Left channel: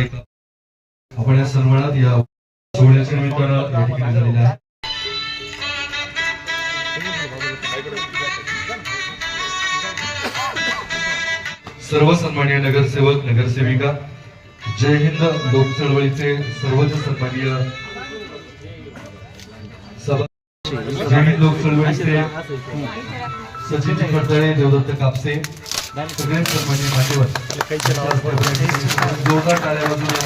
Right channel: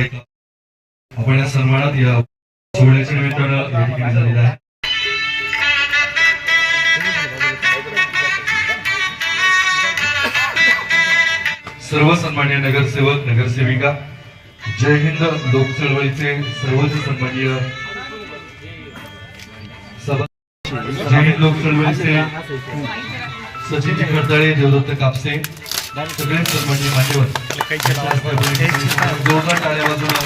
आपण या सन्मानात या सोहळ्याच्या निमित्तानं या ठिकाणी झालेला आहे. सर्व सन्माननीय नगरसेवक नगरसेविका, जय हिंद लोक चळवळीचे सर्वच सन्माननीय जय हिंद लोक चळवळीचे सचिन खडतळे, देवदत्त कापसे, सगळे सन्माननीय मान्यवर जोरदार टाळ्या वाजवून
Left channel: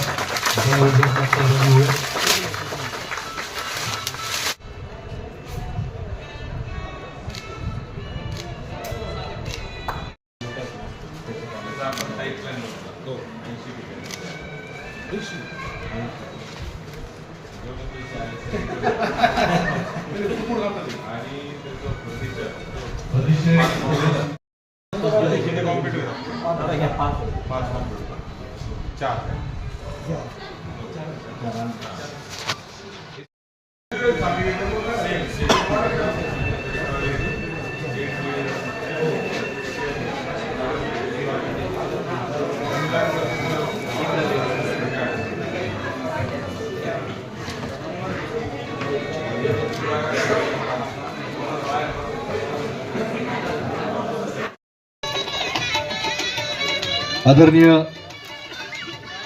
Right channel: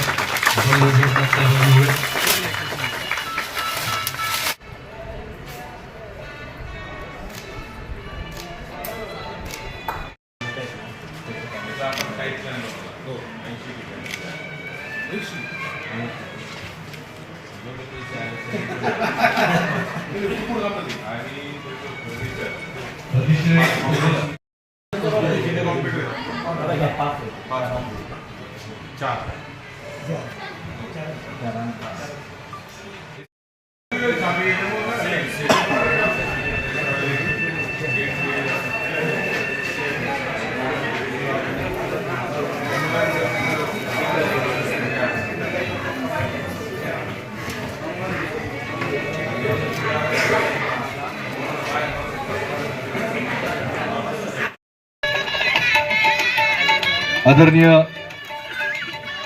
आदरणीय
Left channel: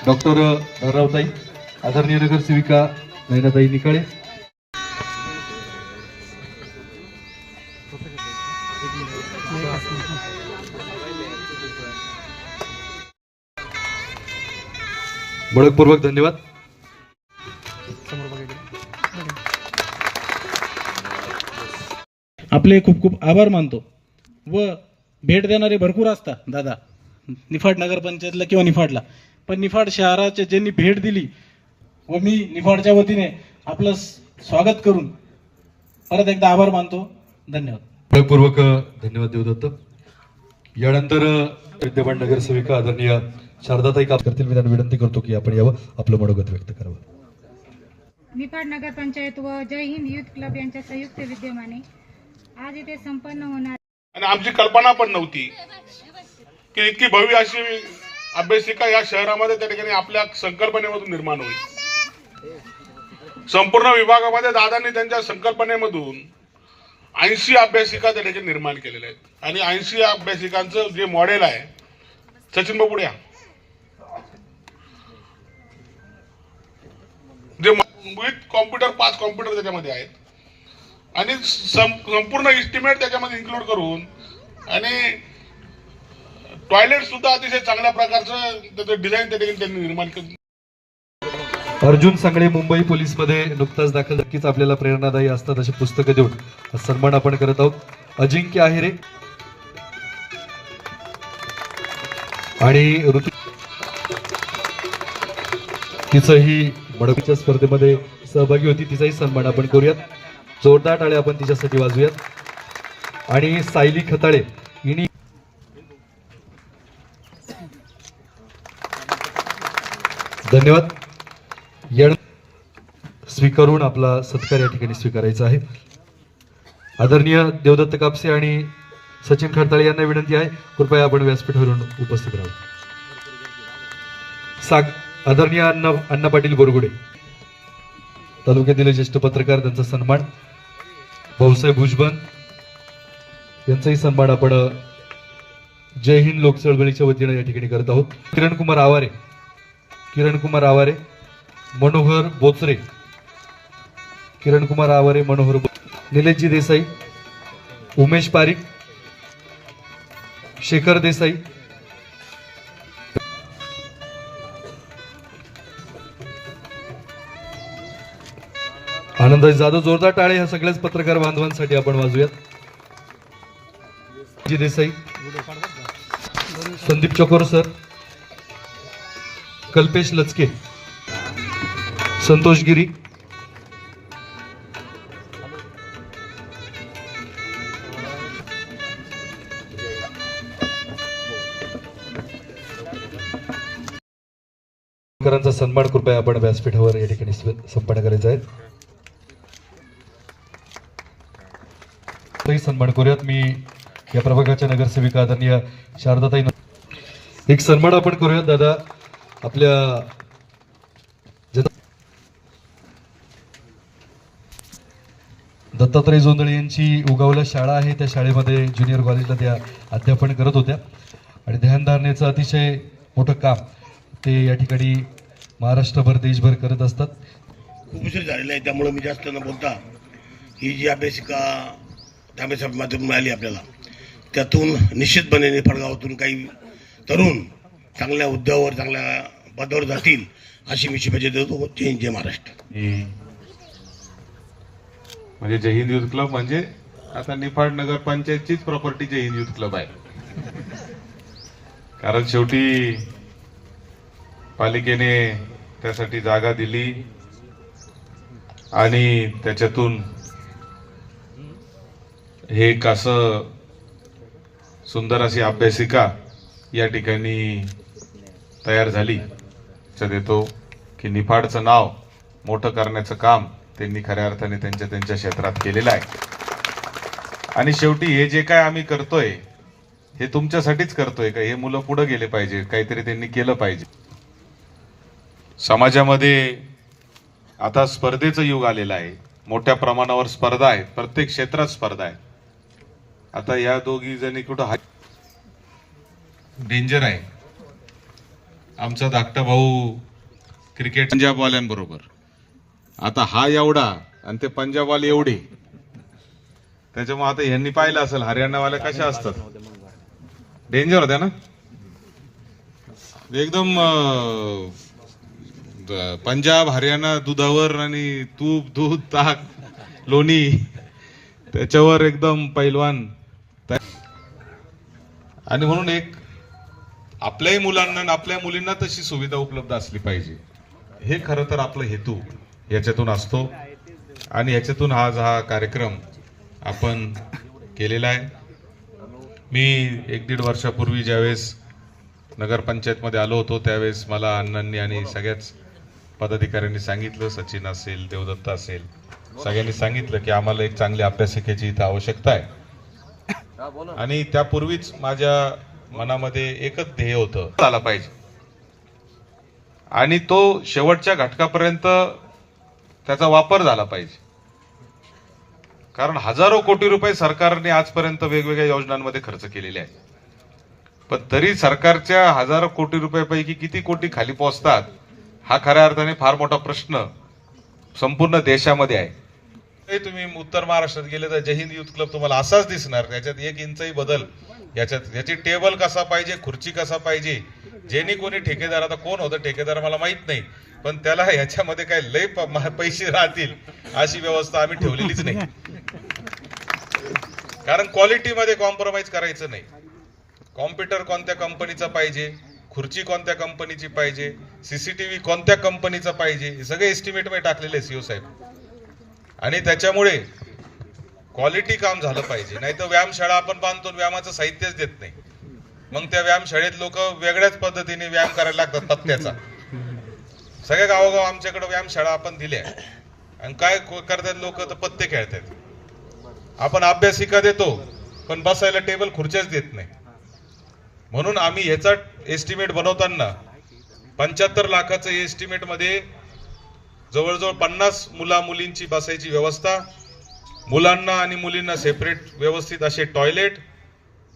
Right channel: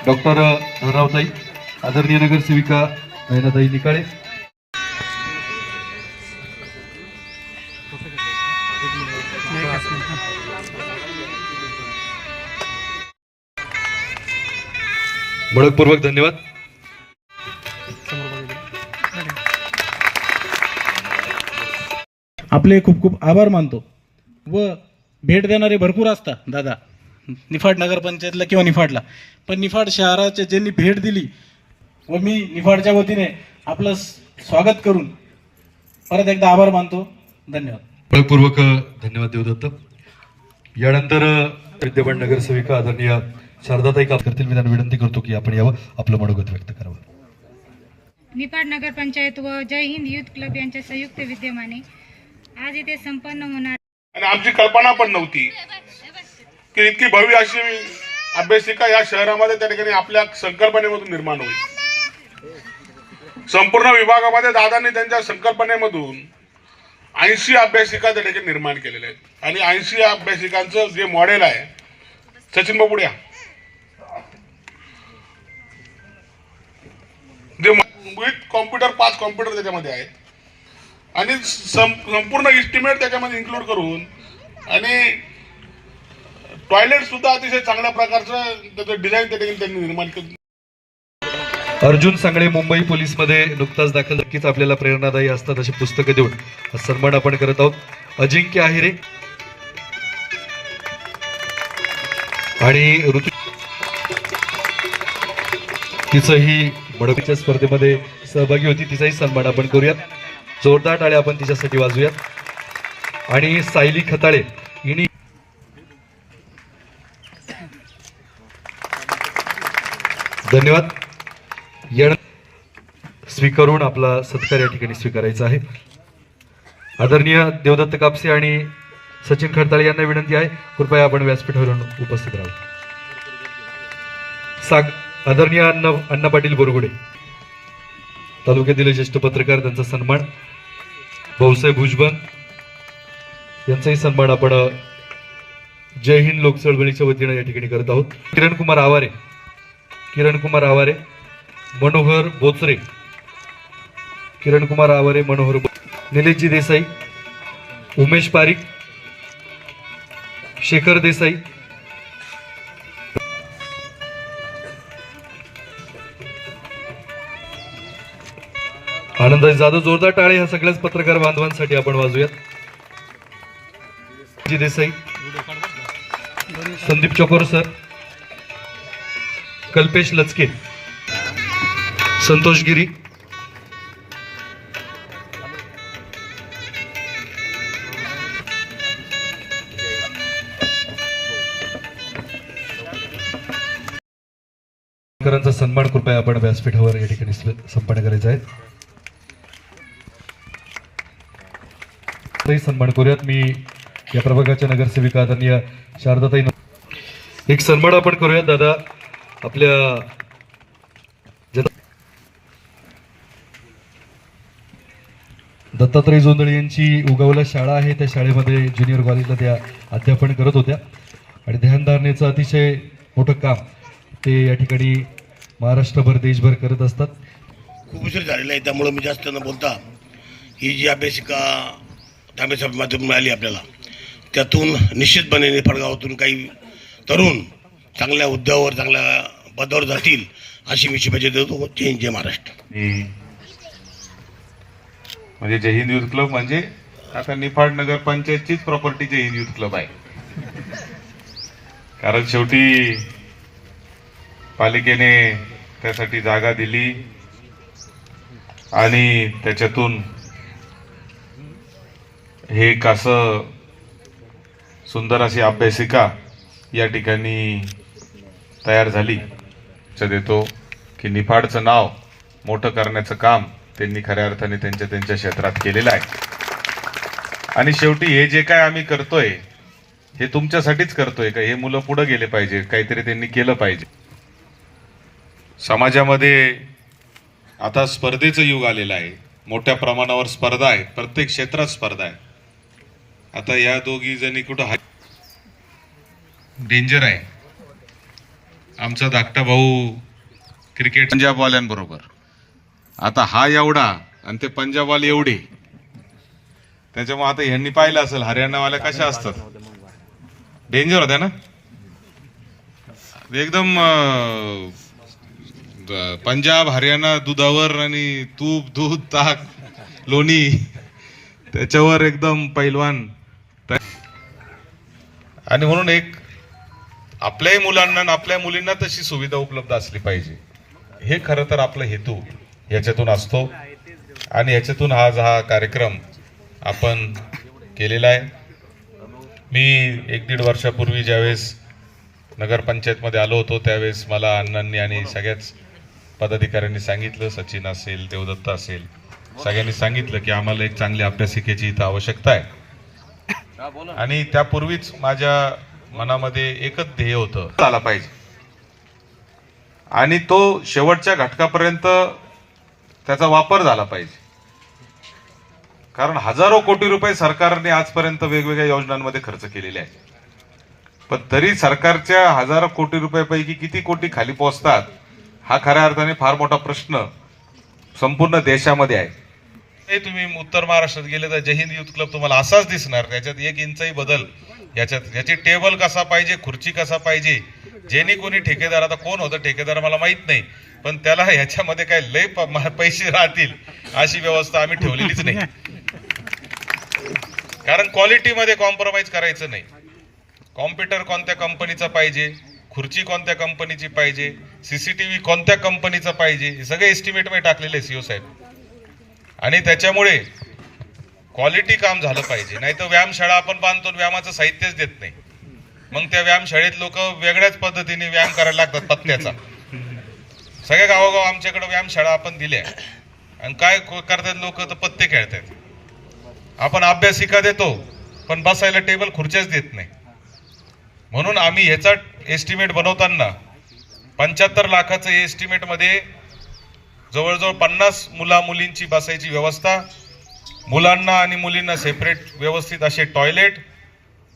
डॉक्टर रावताई, आदरणीय नगरसेविका नयनाताई निकाळे, मनपूर्वक धन्यवाद. आपले खूप खूप आभार मानतो व भेट देणारे भरपूर असतात दादा, निफाड नगरपंचायतला किंवा निफाडला, पण निफाड शहराचे ज्यांनी भेट दिली व मी निफाडच्या वतीने आपलं स्वागत करून परत एकदा आभार मानतो. धन्यवाद. मनपूर्वक धन्यवाद देवदत्त. यानंतर विद्यमान नगरसेविका आदरणीय शारदाताई काम करतील. मी त्यांना विनंती करतो की आपण यावं, आपलं मनोगत व्यक्त करावं. निफाड नगरपंचायत व जय हिंद युथ क्लब यांच्या संयुक्त विद्यमाने आज इथे संपन्न होणार आणि आमची कल्पना पण नव्हती की इतकी भव्य अशी अभ्यासिका या शहरामध्ये त्या ठिकाणी आपल्या संकल्पनेमधून निर्माण होईल. संपूर्ण विभागामध्ये दादांनी त्यांच्या संकल्पनेमधून 80 अभ्यासिका त्या ठिकाणी निर्माण केलेल्या आहेत आणि 80 अभ्यासिकांचं जे मॉडेल आहे, सचिन बाबू पुढ्या, जे विथ कॉम्प्युटर 5 कॉम्प्युटर त्याच्यामध्ये आहेत आणि संपूर्ण इस्टिमेट त्याच्यामध्ये इन्क्लूड करून आणि टॉयलेट सुद्धा अतिशय चांगल्या प्रकारचं त्याचं डिझाईन त्या ठिकाणी त्यांनी निर्माण केलं. अर्जुन सांगळे मुंबई पोलीस मध्ये नुकताच दाखल, नक्कीच आपल्याला प्रेरणादायी असतात अशी पुस्तकं देऊन हा सन्मान आपण करत आहोत. अजिंक्य आहिरे आणि ऋतू, तिचंही मडकीच्या स्पर्धेमध्ये सहभागी होती, तिचाही सन्मान आपण करूयात. जोरदार टाळ्या आपण तिच्यासाठी वाजूयात. आणि सायली खताळे हिने धन्यवाद. स्वीकारून आपला सत्कार या ठिकाणी स्वीकारायचा आहे. आदरणीय देवदत्त कापसे आणि सचिन खडताळे यांना विनंती आहे, कृपया आपण व्यासपीठावरून उपस्थित राहू. आदरणीय अण्णा पाटील बोरगुडे, तालुक्यातील ज्येष्ठ पत्रकार, त्यांचा सन्मान. भाऊसाहेब भुजबळ यांचाही सन्मान आपण जय हिंद लोक चळवळीच्या वतीने या ठिकाणी करत आहोत. किरण कुमार आवारे, मनोहर बोचरे, मनोहर निलेशजी देसाई, उमेश पारिक, शेखर देसाई, आनंद जाधव. जोरदार टाळे ह्या सगळ्याच पत्रकार बांधवांसाठी आपण वाजूयात. जी देसाई, संदीप चकोर सर, कल्पेश लचके, संतोष गिरी, करांचा सन्मान कृपया आपण व्यासपीठावर या ठिकाणी संपन्न करायचा आहे. सन्मान करूयात. मी या प्रभागाच्या नगरसेविका आदरणीय शारदाताई, एक सन्मान आपण करूयात दादा. आपल्या दत्तात्रय जोंधळे यांची उगवला शाळा आहे, त्या शाळेमध्ये ज्युनियर कॉलेजला त्या अध्यापन करत होत्या आणि ध्यानधारणेचं अतिशय मोठं काम ते या ठिकाणी महाराष्ट्रभर देशभर करत असतात. खूप उशीर झालेला आहे, त्यामुळे मी जास्त न बोलता ही जी अभ्यासिका तांबेसाहेब माध्यमातून मिळाली आपल्याला, त्यातून निश्चितपणे निफाड गावातून काही तरुण चांगल्या हुद्द्यावर चांगल्या पदावर जातील अशी मी शुभेच्छा देतो. जय हिंद, जय महाराष्ट्र. म्हणजे जय हिंद युथ क्लब म्हणजे आता निफाड नगर पंचायतचीच प्रॉपर्टी जय हिंद युथ क्लब आहे. कारण शेवटी पालिकेने त्यासाठी जागा दिली आणि त्याच्यातून हे एक असं सुंदर अशी अभ्यासिका या ठिकाणी तयार झाली. देतो की निफाडचं नाव मोठं करण्याचं काम त्यांनी खऱ्या अर्थाने त्यांच्या क्षेत्रात केलेलं आहे. आणि शेवटी हे जे काय आम्ही करतोय हे तुमच्यासाठीच करतोय का? हे मुलं पुढे गेले पाहिजे, काहीतरी त्यांनी केलं पाहिजे. समाजामध्ये आता स्पर्धेचं युग आलेलं आहे, मोठ्या प्रमाणावर स्पर्धा आहे, प्रत्येक क्षेत्रात स्पर्धा आहे. आता या दोघी जणी कुठं डेंजर आहे. आमचा धाकटा भाऊ क्रिकेट पंजाबवाल्यांबरोबर, आता हा एवढा आणि ते पंजाबवाले एवढे, त्याच्यामुळे आता यांनी पाहिलं असेल हरियाणावाले कशा असतात, डेंजर होत्या ना एकदम. पंजाब हरियाणा दुधावर आणि तूप दूध ताक लोणी त्याच्यावर एकदम पैलवान. आणि म्हणून एक आपल्याही मुलांना आणि आपल्या मुलींना तशी सुविधा उपलब्ध असली पाहिजे, हे खरं तर आपला हेतू याच्यातून असतो. आणि याच्यातून आज हा कार्यक्रम आपण केलेला आहे. मी 1-1.5 वर्षापूर्वी ज्यावेळेस नगरपंचायतमध्ये आलो होतो त्यावेळेस मला अण्णांनी आणि सगळ्याच पदाधिकाऱ्यांनी सांगितलं, सचिन असेल, देवदत्त असेल, सगळ्यांनी सांगितलं की आम्हाला एक चांगल्या अभ्यासिकेची इथं आवश्यकता आहे. आणि त्यापूर्वीच माझ्या मनामध्ये एकच ध्येय होतं, आला पाहिजे आणि तो शेवटच्या घटकापर्यंत त्याचा वापर झाला पाहिजे. कारण हजारो कोटी रुपये सरकारने आजपर्यंत वेगवेगळ्या योजनांमध्ये खर्च केलेले आहेत, पण तरी सरकारच्या हजारो कोटी रुपयापैकी किती कोटी खाली पोहोचतात हा खऱ्या अर्थाने फार मोठा प्रश्न संपूर्ण देशामध्ये आहे. तुम्ही उत्तर महाराष्ट्रात गेले तर जय हिंद युथ क्लब तुम्हाला असाच दिसणार. त्याच्यात 1 इंचही बदल, याची टेबल कसा पाहिजे, खुर्ची कसा पाहिजे, जेणे कोणी ठेकेदार, आता कोण होतं ठेकेदार मला माहित नाही, पण त्याला याच्यामध्ये काय लय पैसे राहतील अशी व्यवस्था आम्ही ठेवलेलीच नाही. कारण क्वालिटीमध्ये कॉम्प्रोमाइज करायचं नाही. कॉम्प्युटर कोणत्या कंपनीचा पाहिजे, खुर्ची कोणत्या कंपनीची पाहिजे, सीसीटीव्ही कोणत्या कंपनीचा पाहिजे, हे सगळे एस्टिमेट मध्ये टाकलेले सीओ साहेब. आणि त्याच्यामुळे क्वालिटी काम झालं पाहिजे. नाही तर व्यायामशाळा आपण बांधतो, व्यायामाचं साहित्यच देत नाही. मग त्या व्यायामशाळेत लोक वेगळ्याच पद्धतीने व्यायाम करायला लागतात पत्त्याचा. सगळ्या गावोगाव आमच्याकडे व्यायामशाळा आपण दिल्या आणि काय करतात लोक तर पत्ते खेळतात. आपण अभ्यासिका देतो पण बसायला टेबल खुर्च्याच देत नाही. म्हणून आम्ही ह्याचा एस्टिमेट बनवताना 75 लाखाचं एस्टिमेट मध्ये जवळजवळ 50 मुलींची बसायची व्यवस्था, मुलांना आणि मुलींना सेपरेट व्यवस्थित असे टॉयलेट,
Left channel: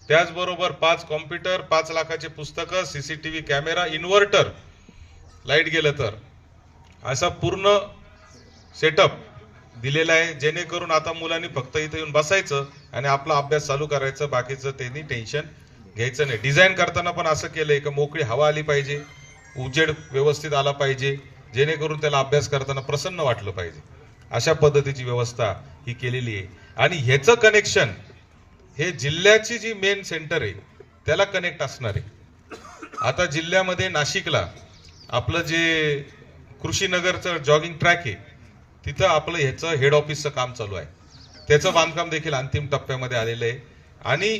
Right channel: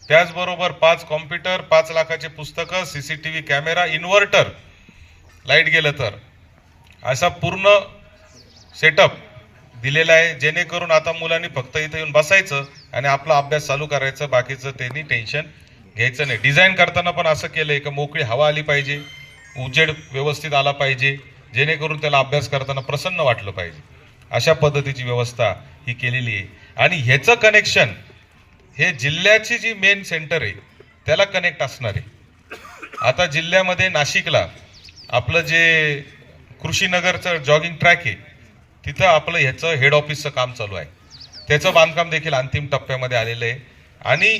त्याचबरोबर 5 कॉम्प्युटर, 5 लाखाचे पुस्तकं, सीसीटीव्ही कॅमेरा, इन्व्हर्टर, लाईट गेलं तर असा पूर्ण सेटअप दिलेला आहे. जेणेकरून आता मुलांनी फक्त इथे येऊन बसायचं आणि आपला अभ्यास चालू करायचं, बाकीचं त्यांनी टेन्शन घ्यायचं नाही. डिझाईन करताना पण असं केलंय की मोकळी हवा आली पाहिजे, उजेड व्यवस्थित आला पाहिजे, जेणेकरून त्याला अभ्यास करताना प्रसन्न वाटलं पाहिजे. अशा पद्धतीची व्यवस्था ही केलेली आहे. आणि ह्याचं कनेक्शन हे जिल्ह्याची जी मेन सेंटर आहे त्याला कनेक्ट असणार आहे. आता जिल्ह्यामध्ये नाशिकला आपलं जे कृषीनगरचं जॉगिंग ट्रॅक आहे तिथं आपलं ह्याचं हेड ऑफिसचं काम चालू आहे. त्याचं बांधकाम देखील अंतिम टप्प्यामध्ये आलेलं आहे. आणि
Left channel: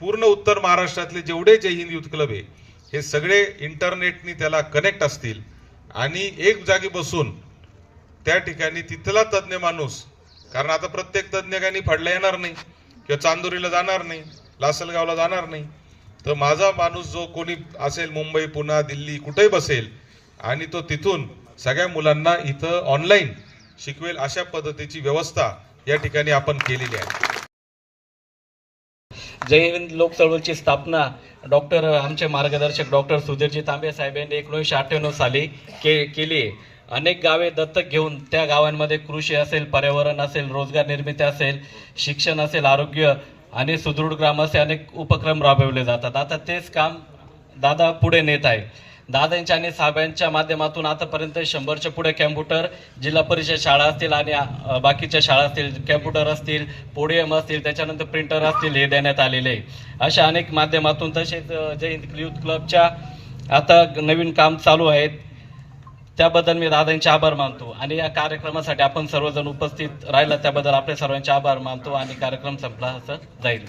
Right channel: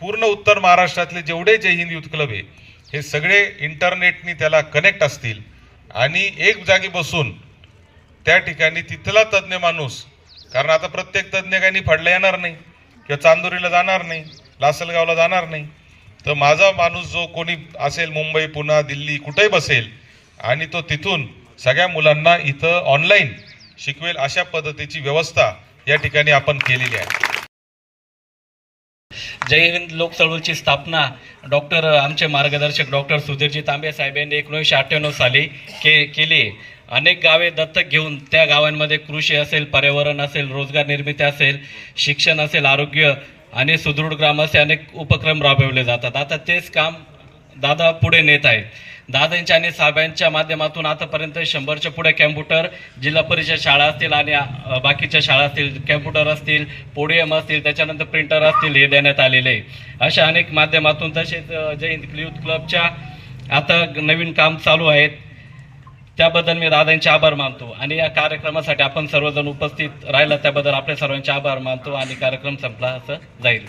पूर्ण उत्तर महाराष्ट्रातले जेवढे जय हिंद युथ क्लब आहे हे सगळे इंटरनेटनी त्याला कनेक्ट असतील आणि एक जागी बसून त्या ठिकाणी तिथला तज्ज्ञ माणूस, कारण आता प्रत्येक तज्ज्ञ काही निफाडला येणार नाही किंवा चांदोरीला जाणार नाही, लासलगावला जाणार नाही, तर माझा माणूस जो कोणी असेल मुंबई, पुणे, दिल्ली कुठेही बसेल आणि तो तिथून सगळ्या मुलांना इथं ऑनलाईन शिकवेल. अशा पद्धतीची व्यवस्था या ठिकाणी आपण केलेली आहे. जय हिंद लोक चळवळीची स्थापना आमचे मार्गदर्शक डॉक्टर सुधीरजी तांबे साहेब यांनी 1998 साली केली. अनेक गावे दत्तक घेऊन त्या गावांमध्ये कृषी असेल, पर्यावरण असेल, रोजगार निर्मिती असेल, शिक्षण असेल, आरोग्य आणि सुदृढ ग्राम असे अनेक उपक्रम राबविले जातात. आता तेच काम दादा पुढे नेत आहेत. दादांच्या आणि साहेबांच्या माध्यमातून आतापर्यंत 100च्या पुढे कॅम्प्युटर, जिल्हा परिषद शाळा असतील आणि बाकीच्या शाळा असतील, कॅम्प्युटर असतील, पोडियम असतील, त्याच्यानंतर प्रिंटर असतील, हे देण्यात आलेले आहे. अशा अनेक माध्यमातून तसेच जय हिंद युथ क्लबच्या आता नवीन काम चालू आहेत. त्याबद्दल मी दादांचे आभार मानतो आणि या कार्यक्रमासाठी आपण सर्वजण उपस्थित राहिला त्याबद्दल आपल्या सर्वांचे आभार मानतो आणि कार्यक्रम संपला असं जाईल.